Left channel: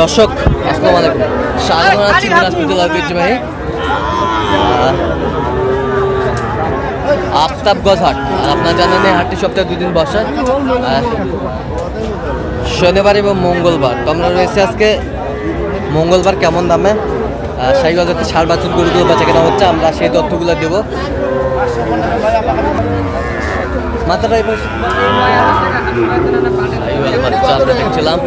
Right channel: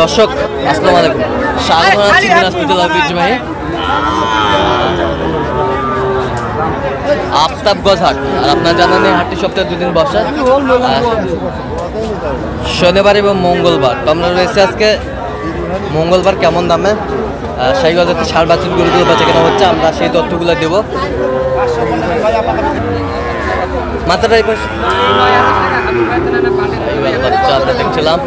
দর্শক আসসালামু আলাইকুম, স্বাগত জানাচ্ছি দিনাজপুর জেলার ঐতিহ্যবাহী আফতাবগঞ্জ হাট। আর আপনারা জানেন এই হাটটি সপ্তাহে দুদিন বসে, শনিবার এবং মঙ্গলবার। তো আমরা রয়েছে আজকে মঙ্গলবার। কেমন দামে শাহিওয়াল জাতের ষাঁড় বাছুর গরুগুলো বেচা কেনা হচ্ছে, আমরা সেই তথ্যগুলো দেবো। মাথাটা শাহিওয়াল বাচ্চা আমরা দেখছিলাম।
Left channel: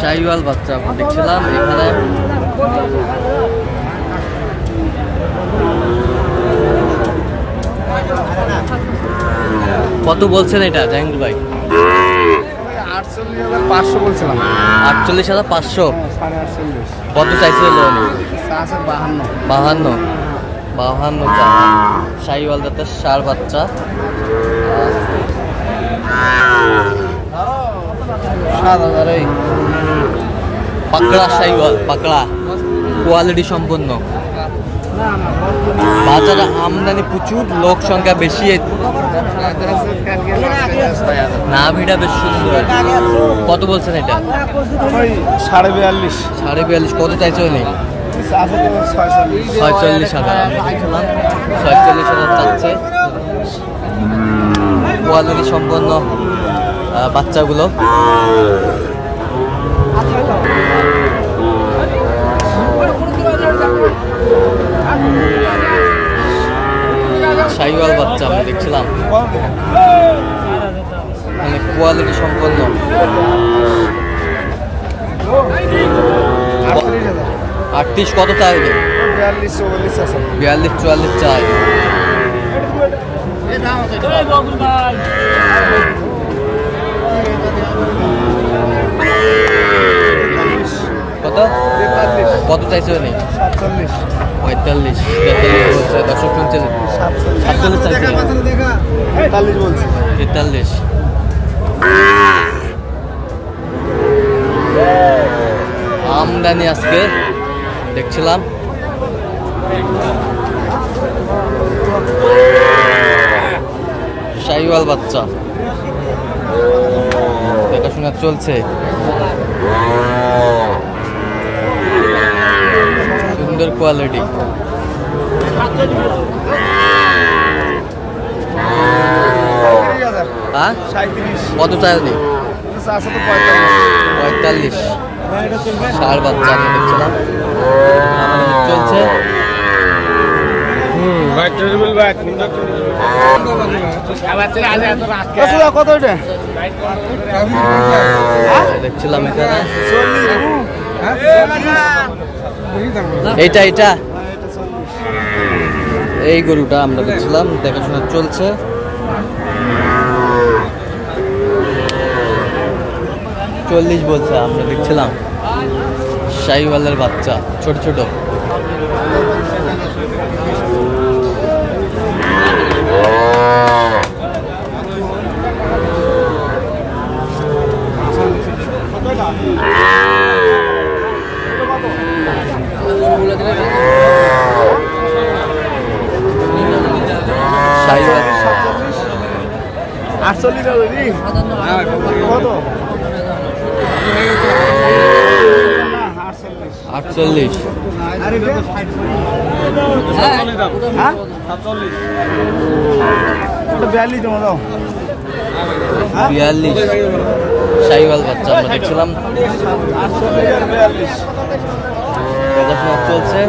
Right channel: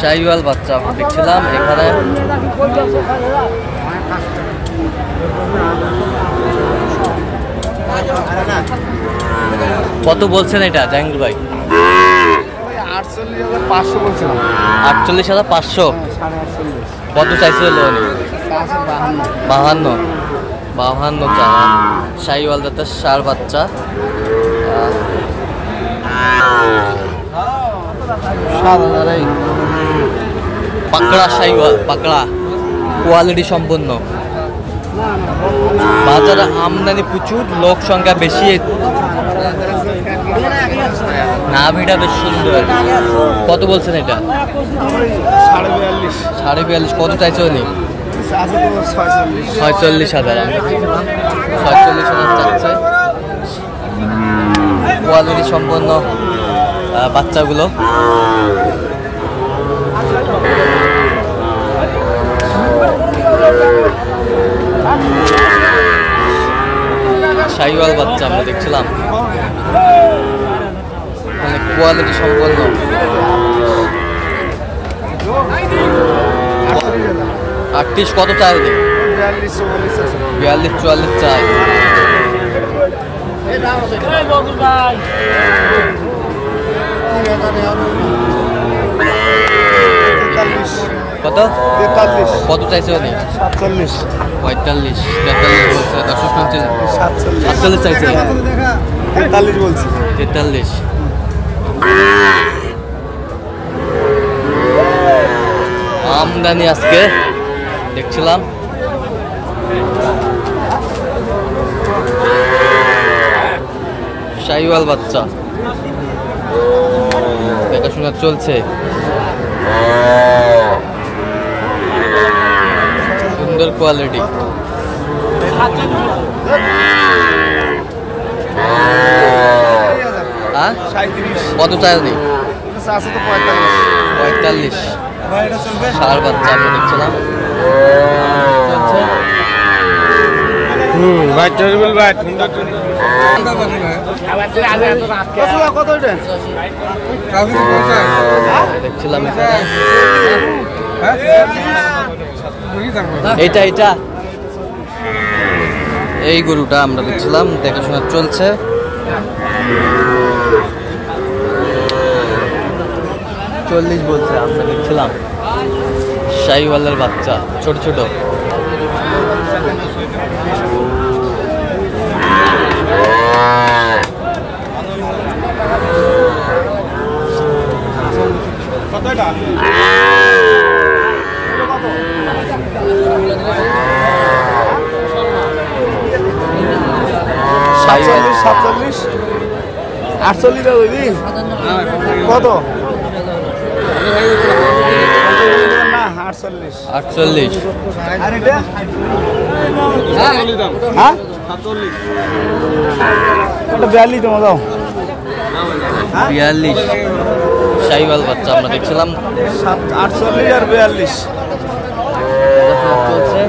শাহিওয়াল বাচ্চা আমরা দেখছিলাম এখানে। কত বলছেন এটা জাহাঙ্গীর ভাই? 48,500 বলছিলাম। 48,500। কত চাইছিল? 52 চায়। শাহিওয়াল জাতের ষাঁড় বাচ্চা। পাকড়া শাহিওয়াল, পাকড়া কোয়ালিটি সম্পন্ন। বাজারে আমদানি প্রচুর, লোক সংখ্যা বেশি, নাভিটা বেশ সুন্দর। কত বলছেন এটা? 42,500। কত চাইছে উনি? 46,000। আমরা দেখছিলাম 46,000 চাচ্ছে। কোয়ালিটি সম্পন্ন বাচ্চাগুলো। শাহিওয়াল বাচ্চা আমরা দেখছিলাম, মানে কোয়ালিটি সম্পন্ন। 38 কত চাই? 42-44 চাই। কত কত চাইছে? 45-43 বলছে। দর্শক শুনছে 47 চাইছে। 43। আমদানি আজকে দেখছিলাম। শাহিওয়াল বাচ্চা দেখাশোনা চলছে। সুন্দর কোয়ালিটি। কত চাইনি? 45। ষাঁড় বাচ্চা আমরা দেখছিলাম চলছে। দেখছিলাম এখানে এইটা এই গরুটা আমরা দেখছিলাম, দেখাশোনা চলছে। চল্লিশ বলছে। আমরা দেখছিলাম শাহিওয়ালের বাচ্চা ছোট ছোট। শাহিওয়াল 47, 48 কত? 48। আর এটা? হ্যাঁ 47। এটা 42 তোমার দাও। 42 শাহিওয়াল বাচ্চা আমরা দেখছিলাম। 48 আর 42 দেখাশোনা চলছে।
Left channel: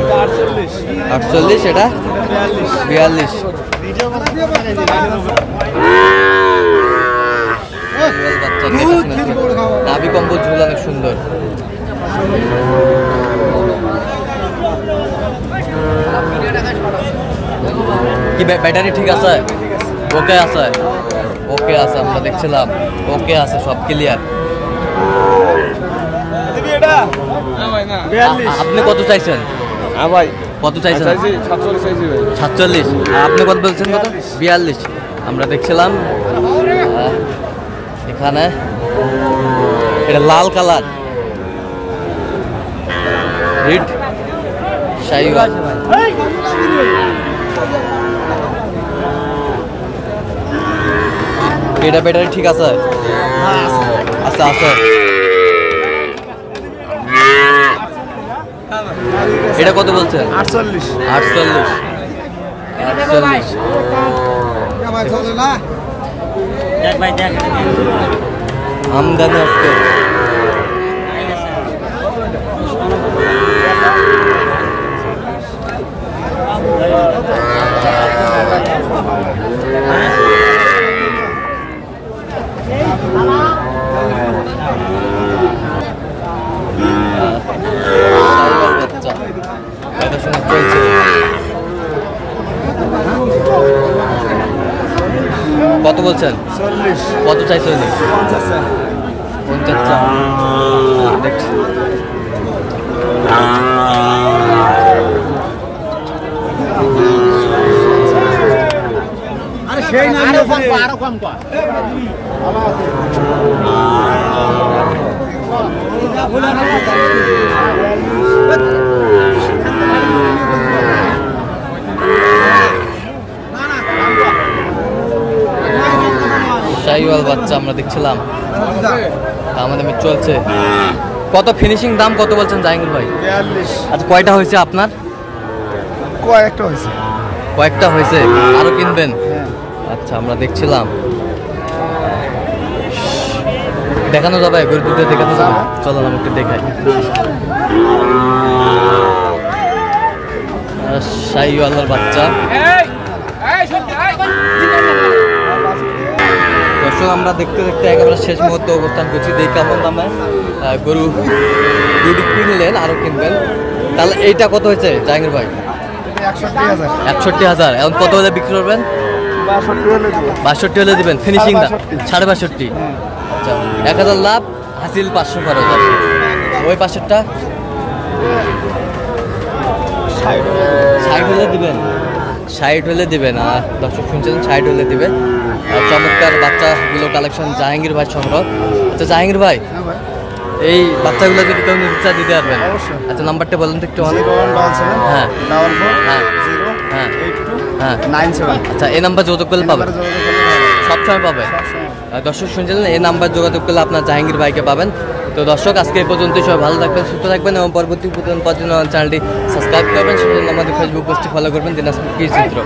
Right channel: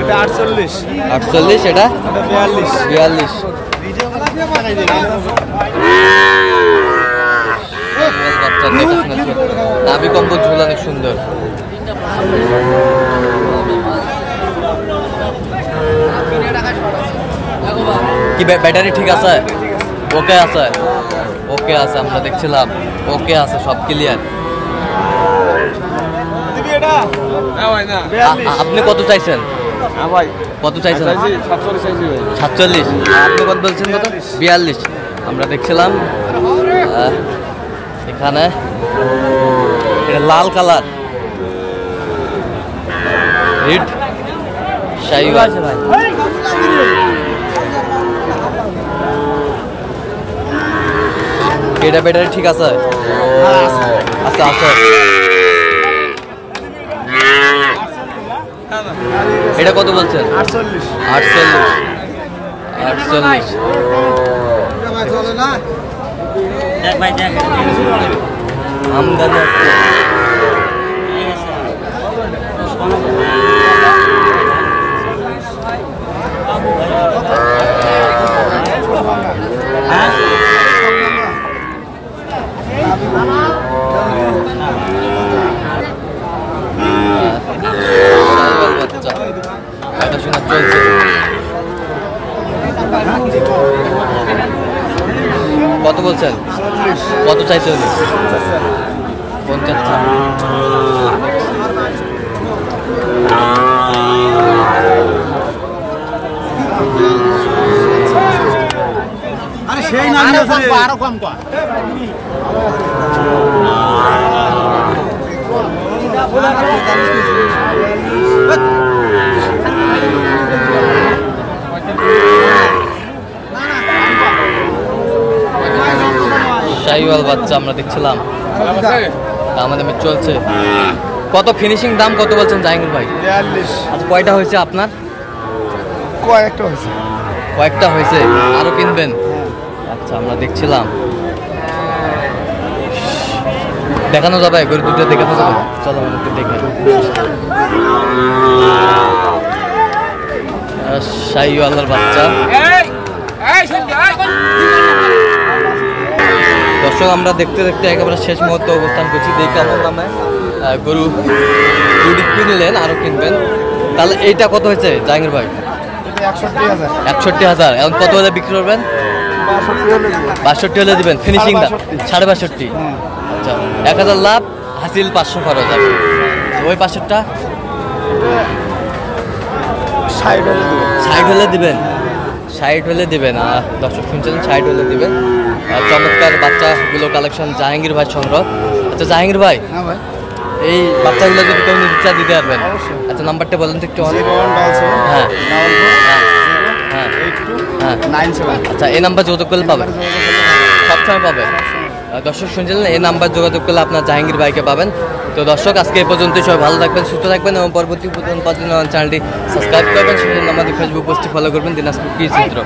এটা 48। 48 এটা 42। বাচ্চা দেখাশোনা চলছে। নাভি কম্বল ঝুল অনেক সুন্দর। কি ব্যাটারি ঠিক আছে? ওকে আছে, ওকে আছে। আমরা দেখছিলাম ওকে আছে, সব ক্লিয়ার। আপনি কত চাইছেন? হ্যাঁ ভাই কত চাইছেন? 47 চাইছি ভাই। 47। আপনি কত বলছেন? কত? 42। আমরা দেখছিলাম এখানে এটা লাল কালার হিট শাহিওয়াল। এটা ব্যাটারি ঠিক আছে? আচ্ছা আচ্ছা। এটা কত বলছেন? 48। 48। 48। দেখ ভাই দেখ আমদানি আজকে বাচ্চা এটা শোনা চলছে। কত বলছেন? 40। কত চাইছে উনি? 50 চা। আরে সেই নাম আরো কম কর। শাহিওয়াল বাচ্চা আমরা দেখছিলাম, আমাদের চলছে। কত ফিনিশিং দাম কত বলছেন জাহাঙ্গীর ভাই? 42। আচ্ছা কয়টা হয়েছে আপনার? কয়েকটা হয়েছে। কয়েকটা হয়েছে, আরো কিনবেন? আচ্ছা আমরা দেখছিলাম, দেখানো যাবে গরু দুটো দেখানো যাবে? চলো আমাকে দেখাই। শাহিওয়ালের বাচ্চা। দর্শক আমরা দেখতে দেখতে একেবারে শেষ মুহূর্তে অবস্থান করছি। দেখি কেমন দামে গরু দুটি কিনলেন, আরো কিনবেন। তাহলে এইটা কত হয়েছে জাহাঙ্গীর ভাই? 61,000। 61,000। এখন কত হলে বিক্রি করবেন? 62 হলে দেব। 62 হলে দিবেন ফিনিশিং দাম? 62.5। আচ্ছা 1000 লাভ, হাসিল 500 খরচ আর কি। ওই 500টা 60 হলে দেব। 60 হলে দিবেন? 60 হলে দিবেন। দর্শক শুনছিলেন, 60 হলে দিবেন। চমৎকার বাচ্চাগুলো কালেকশন জাহাঙ্গীর ভাই সংগ্রহ। আচ্ছা জাহাঙ্গীর ভাই, হ্যাঁ ভাই। এই বাচ্চাগুলো যদি কেউ নিতে চায় দিতে পারবেন? অবশ্যই। আচ্ছা নাম্বারটা বলেন তো একটু। 0177 হ্যাঁ 44 হ্যাঁ 0 হ্যাঁ 82 হ্যাঁ। 97। আচ্ছা এই নাম্বার যোগাযোগ করলে পাবেন? যোগাযোগ করলে হবে। সবসময় পাবেন? দর্শক শুনছিলেন, এই নাম্বার যোগাযোগ করলে আপনার জাহাঙ্গীর ভাইকে পাবেন। তো দর্শক আজকে এই পর্যন্তই। সবাই ভালো থাকবেন, সুস্থ থাকবেন এবং পরবর্তী চ্যানেলটি সাবস্ক্রাইব করবেন। সেজন্য আমাদের ফেসবুক পোস্টটি ফলো করবেন দিনাজপুর কৃষি চিত্র।